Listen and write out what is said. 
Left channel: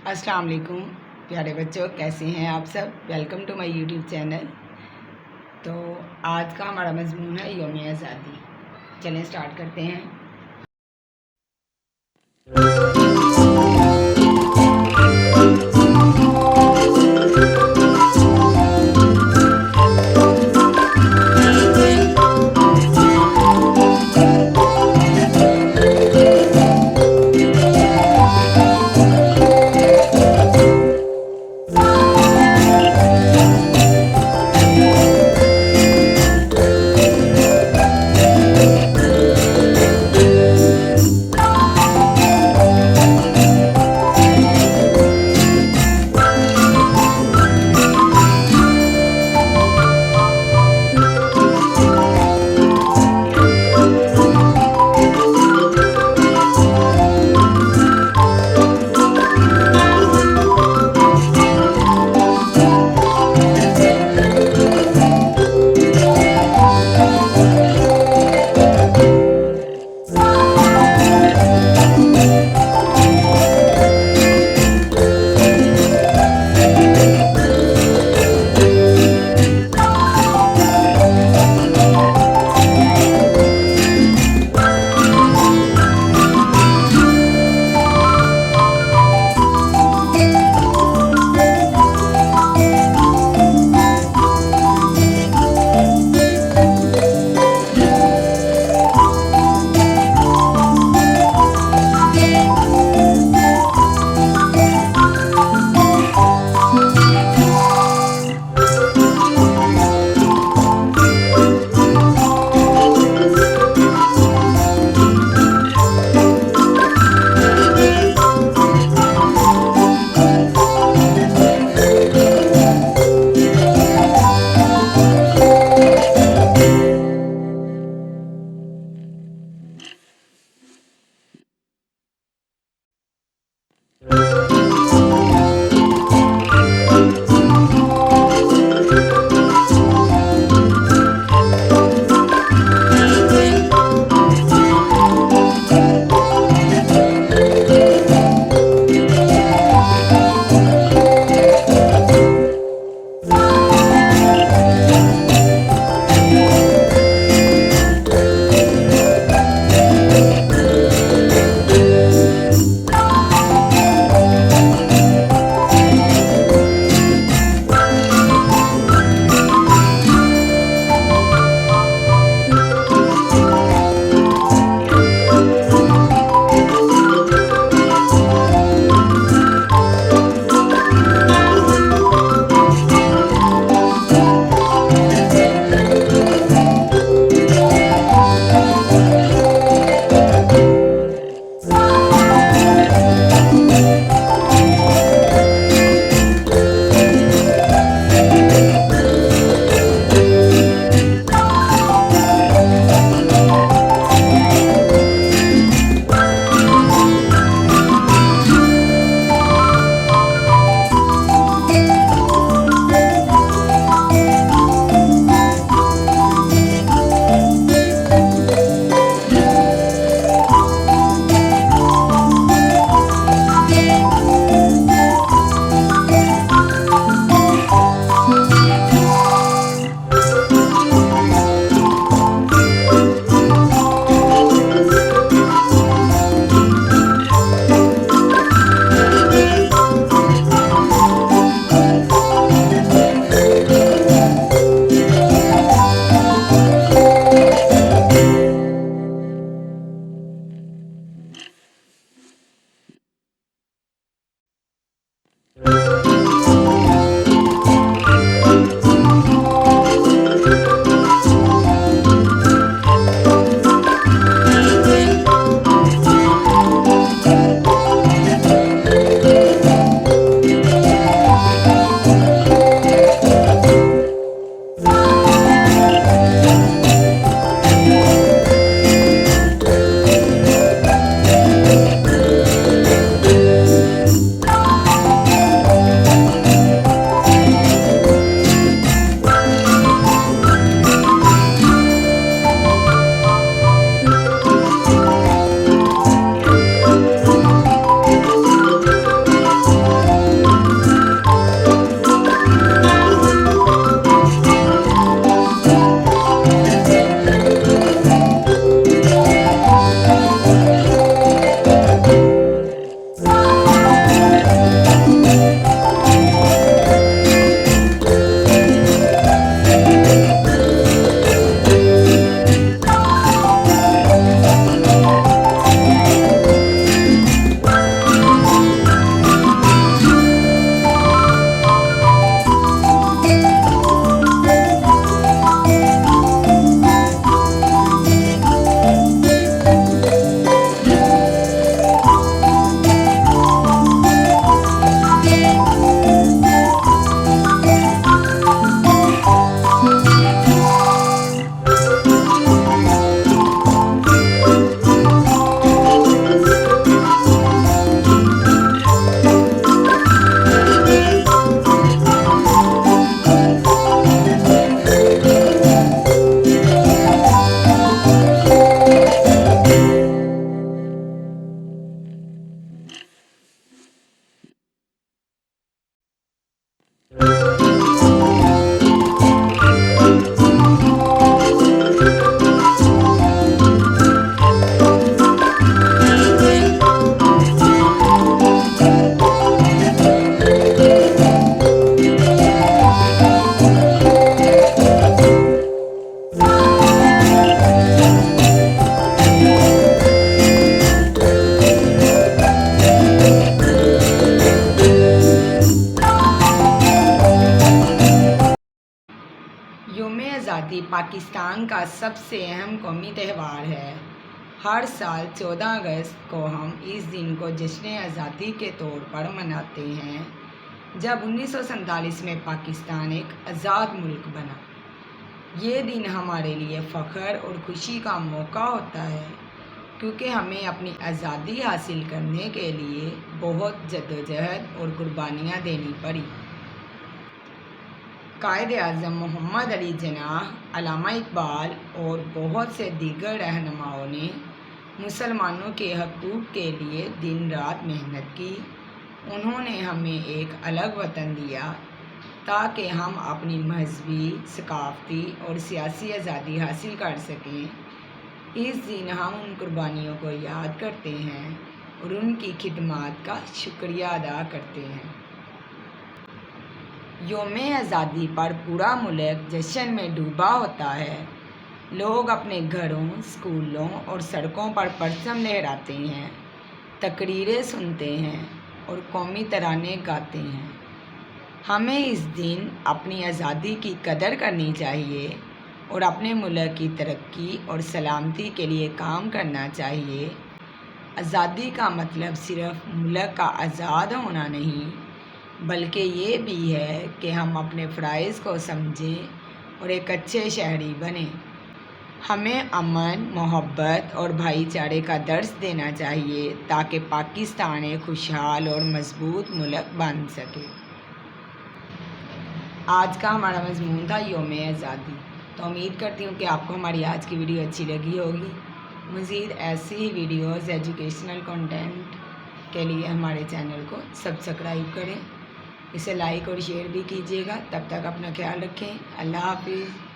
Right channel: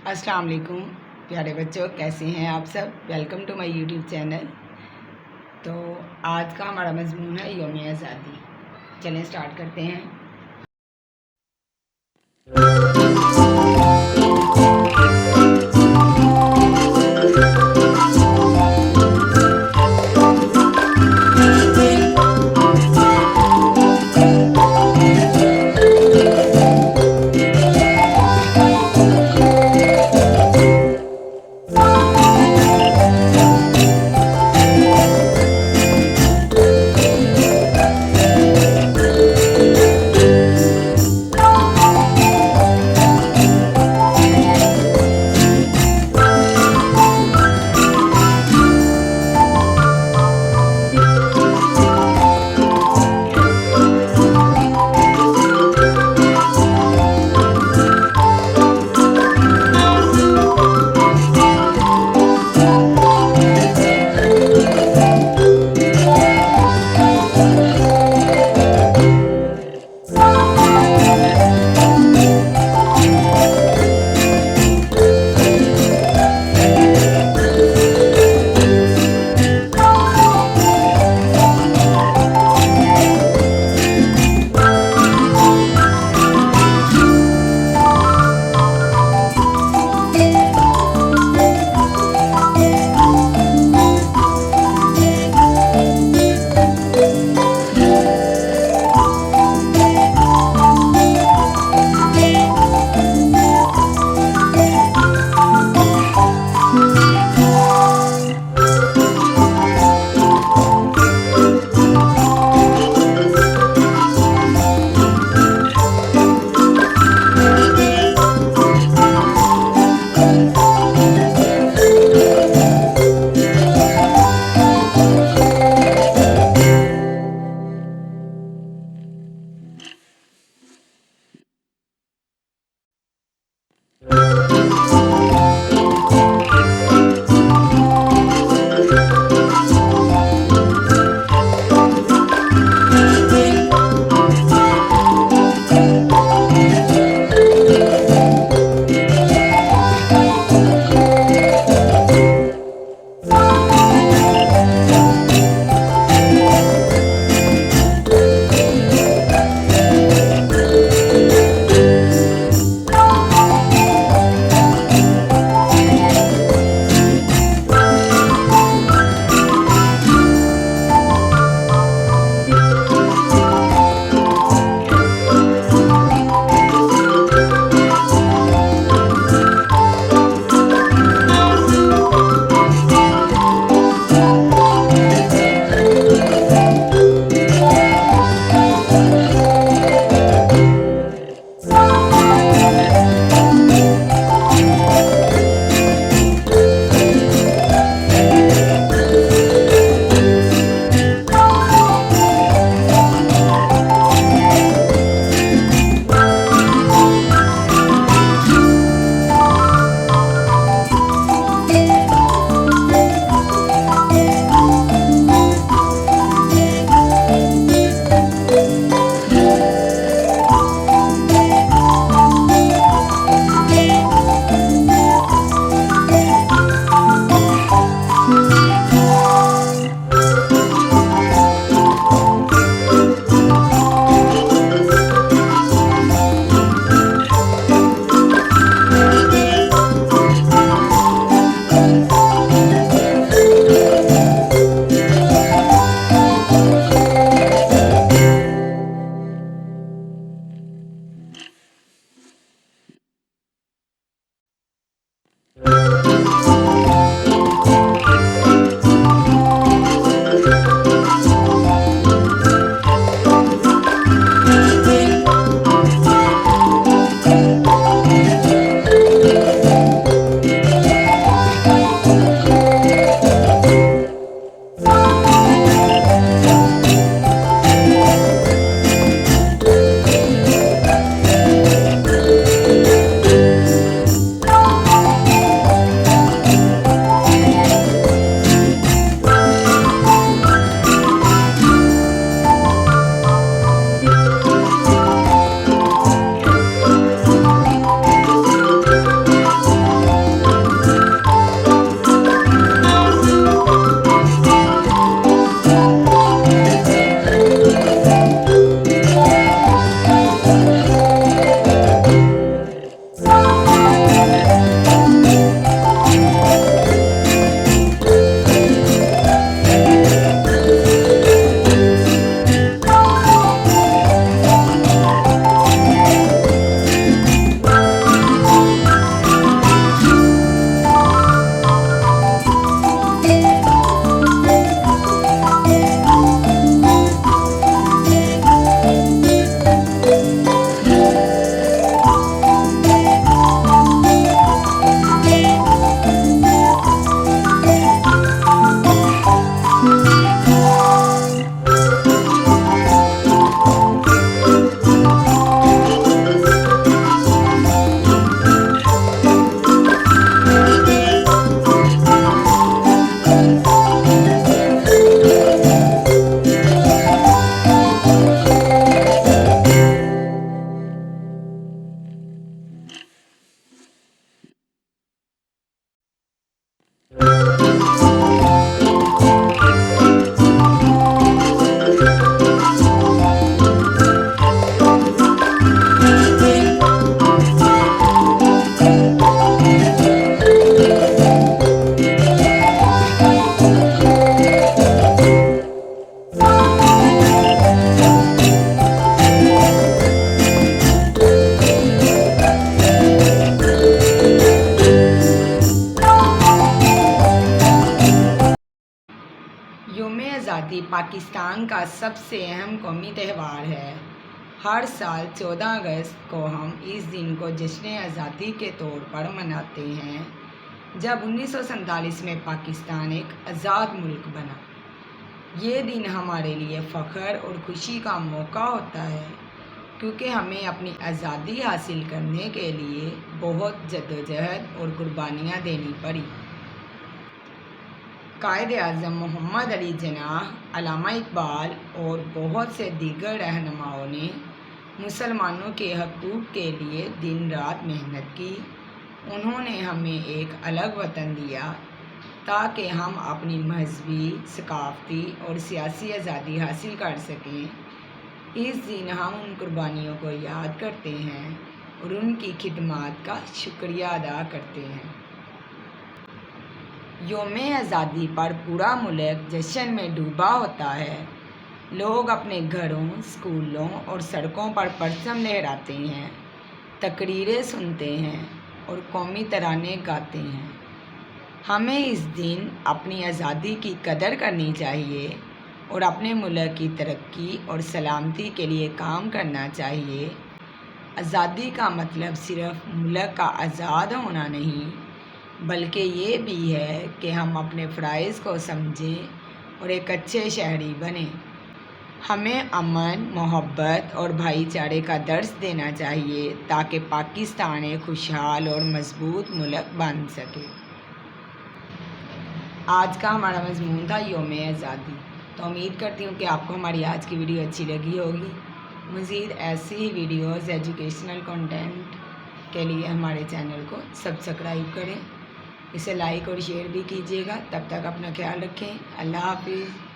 अस्सलाम वालेकुम प्यारे बच्चों, कैसे हैं आप सब। Welcome to my YouTube channel. तो आज का हमारा मजमून है यौम आज़ादी। चलें स्टार्ट करते हैं। आज़ादी पाकिस्तान का सबसे अहम कौमी त्यौहार है। हर साल 14 अगस्त को हम इस दिन को जश्न आज़ादी के तौर पर मनाते हैं, जब 1947 में पाकिस्तान एक आज़ाद मुल्क बना। ये दिन हमारे लिए फ़ख्र और खुशी का मौका होता है, क्योंकि हमें अपनी आज़ादी हासिल करने के लिए बहुत जद्दोजहद और कुर्बानियाँ देनी पड़ी। कायद आज़म मोहम्मद अली जिन्नाह, अल्लामा इकबाल और बहुत से दीगर रहनुमाओं ने मुसलमानों के हकूक़ के लिए दिन रात मेहनत की। उन्होंने हमें एक अलग वतन दिया ताकि हम अपनी मजहबी, सकाफ़ती और सियासी आज़ादी हासिल कर सकें। इस दिन हम उन कुर्बानियों को याद करते हैं और उनकी खिदमत का शुक्रिया अदा करते हैं। यौम आज़ादी पर पूरा मुल्क जश्न में डूबा होता है। लोग अपने घरों, स्कूलों और सड़कों पर परचम लहराते हैं, तकरीरें सुनते हैं और कौमी तराने गाते हैं। हमें इस दिन अपनी आज़ादी की कदर करनी चाहिए और अपने मुल्क की तरक्की और सलामती के लिए काम करना चाहिए। आज़ादी का मतलब सिर्फ मुल्क का आज़ाद होना नहीं, बल्कि ये भी है कि हम अपने फ़राइज़ को समझें और एक अच्छे शहरी बने। हमें अमन, मोहब्बत और भाईचारे का दर्स देना चाहिए ताकि पाकिस्तान एक खुशहाल और मजबूत मुल्क बन सके। आज का हमारा मज़मून था यौम आज़ादी। तो उम्मीद करती हूँ कि आपको हमारी आज की वीडियो अच्छी लगी होगी। मज़ीद ऐसी ही वीडियोज़, एजुकेशनल कंटेंट के लिए हमारे चैनल को सब्सक्राइब करें, इसे लाइक और शेयर भी कीजिएगा। तब तक अपना ख्याल रखें। अल्लाह हाफिज़।